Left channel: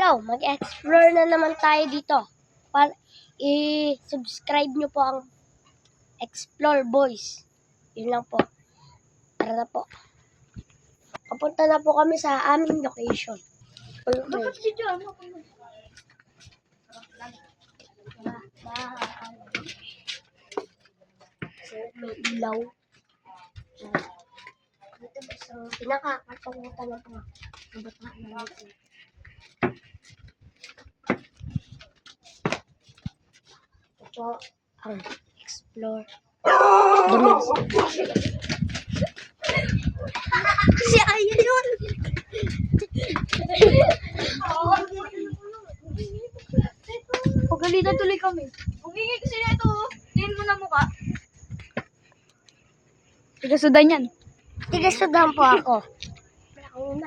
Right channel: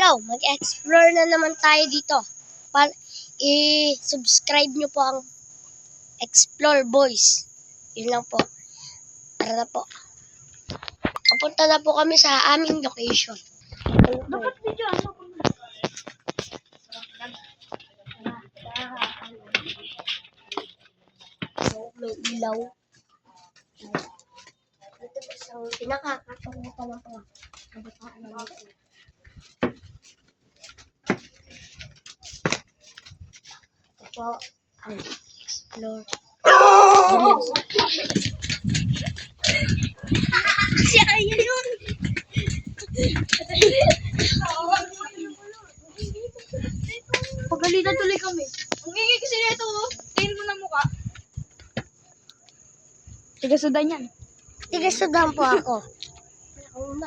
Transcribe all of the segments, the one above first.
Hello, mag-explore na naman tayo dito. I-subscribe nyo po ang Explore Boys. Yun lang po. Tara na po. Kapunta na po kami sa aming location. Dapat dito, ano ko na? May ilaw. Ito ba isang pinakakapunta ng mga kabataan natin. Ito ang explore. Si Aya yun! Pagalitan tuloy kami. Ungingay kasi nito. Tingin mo na mukha. Tigasudan yan. Tigasudan po ako. Wala ko una.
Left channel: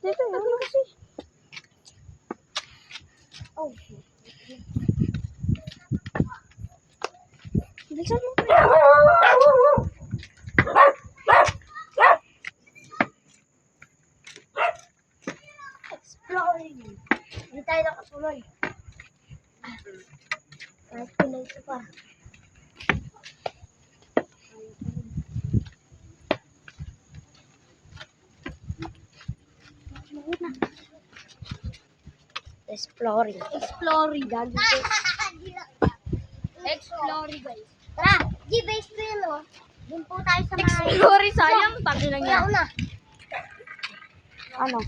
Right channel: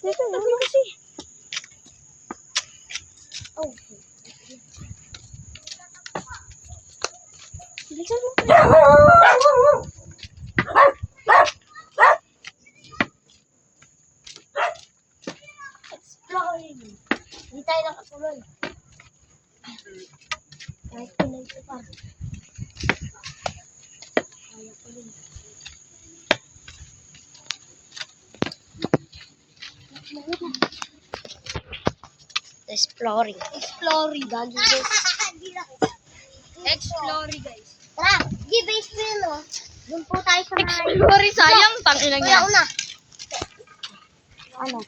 Dito, ano kasi? Oh. Bilisan mo. Exploring. Hindi tayo nakatuloy. Kahit pinay ito pa. Kaya ko rin. Exploring. Exploring. Gagi guys. Exploring guys. Tara, give spin o. Doon po tayo sa mga... Exploring sayang. Tangilang yan. Una. Ano?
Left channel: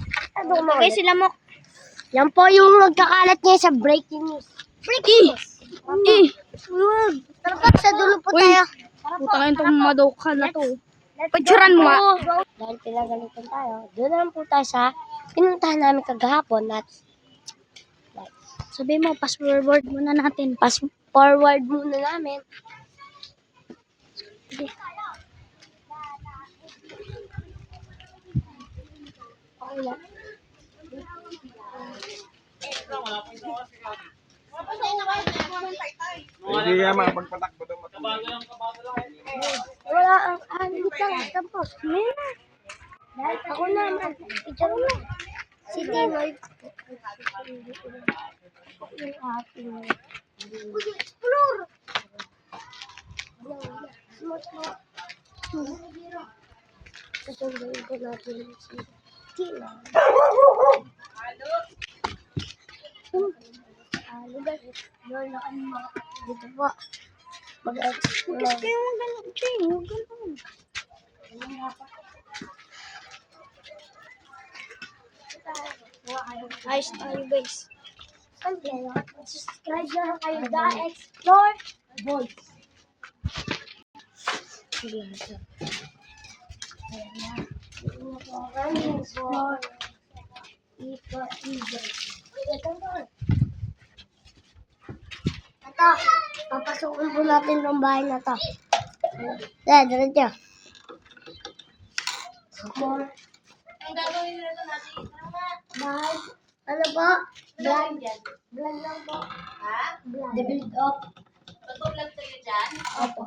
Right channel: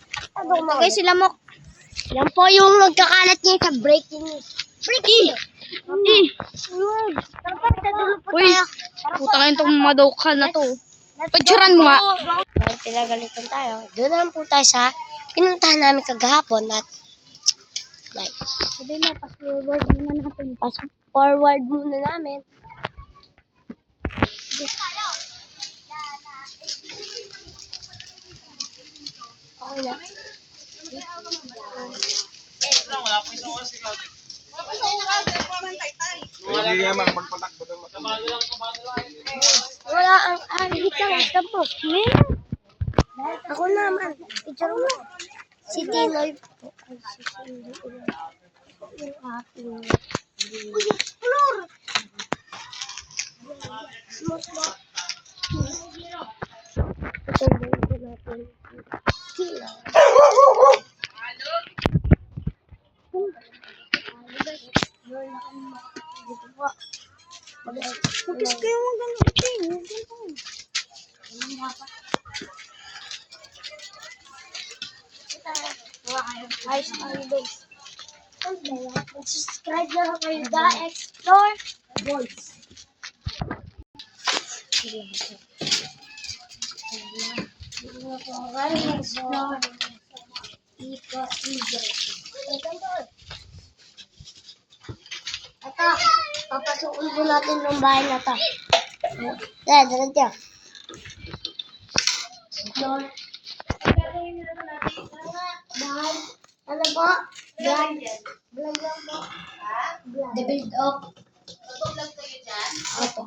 Okay, sila mo. Yan po yung nagkakalat niya sa breaking news. Breaking news. Tara po, sa dulo po Uy, tayo. putang itong madokal na to. Picturean mo nga. Dahil pinagalitan tayo, doon naman po tayo sa pinuntahan namin kagahapon at like, Sabi mo, pass forward muna natin. pass forward muna namin. Okay na. Hindi nga magpatakbo ng mata. Wala ang ahit lang po. Ako naman. Ito na. Sige. Yung ating explore. Smart. Patundayin ko natin si Kila. Explore na kami mga dito po. Mag-kiss kayo mga ganun. Huwag ganun. Ayos tayo guys. Subscribe na lang kayo The Explore Boys. Explore. Ito, papasukin po natin yung bahay na ito. Diretso. Explore. Bahay. Ano po? Vlog lang po. The build up. Tutulog kayo dyan? Opo.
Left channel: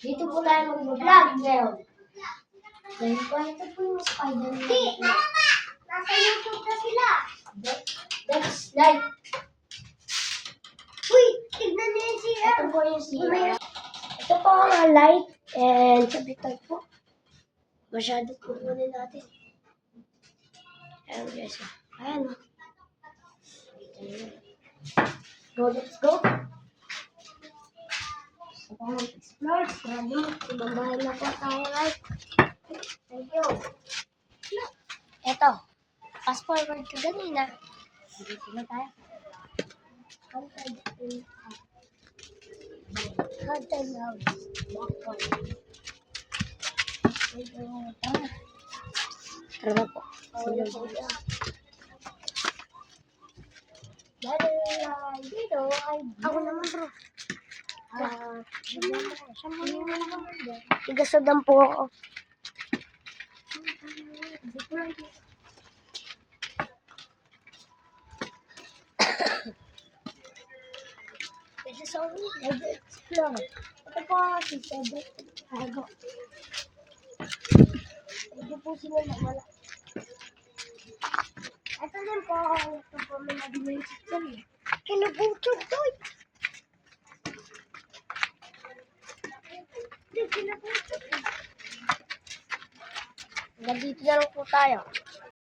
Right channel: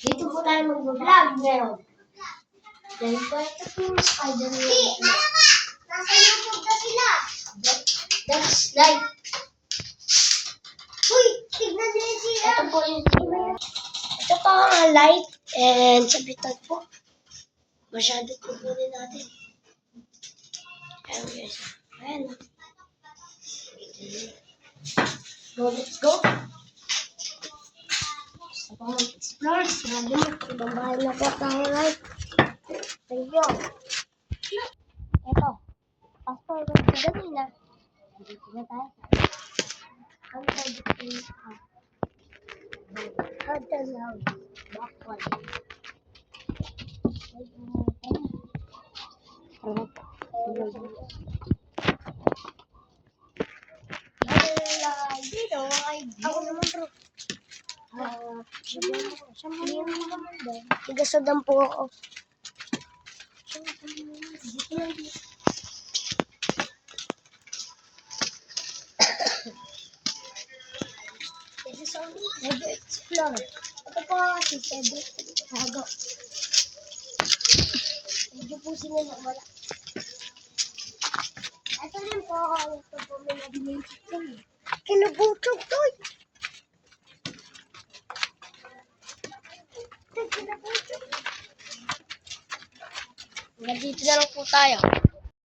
Dito po tayo mag-vlog ngayon. Dahil po ito po Spider-Man. Nasa YouTube na sila. That's like. Uy, tignan niyo yung sila. Ito po yung sila. Ito po ang light and sabitan po. Masyado kukunin natin. Ayan guys. Ayan. So, let's go. Gusto ko mag-explore. Sabi mo, ibang bahay na po tayo, right? Thank you. Eto. Fast forward ka ganina. Dito na tayo. Hunter now. Backward. Tara na po. Dito ay ako naman bro. Tigasodan po ako. This is only explore. Ito po si Cedric. Tago. Medyo po sila na wala. Ito din po. Ito po may nag-magic kami. Kinabutok to. Kinabutok. Hanggang dito na lang po tayo.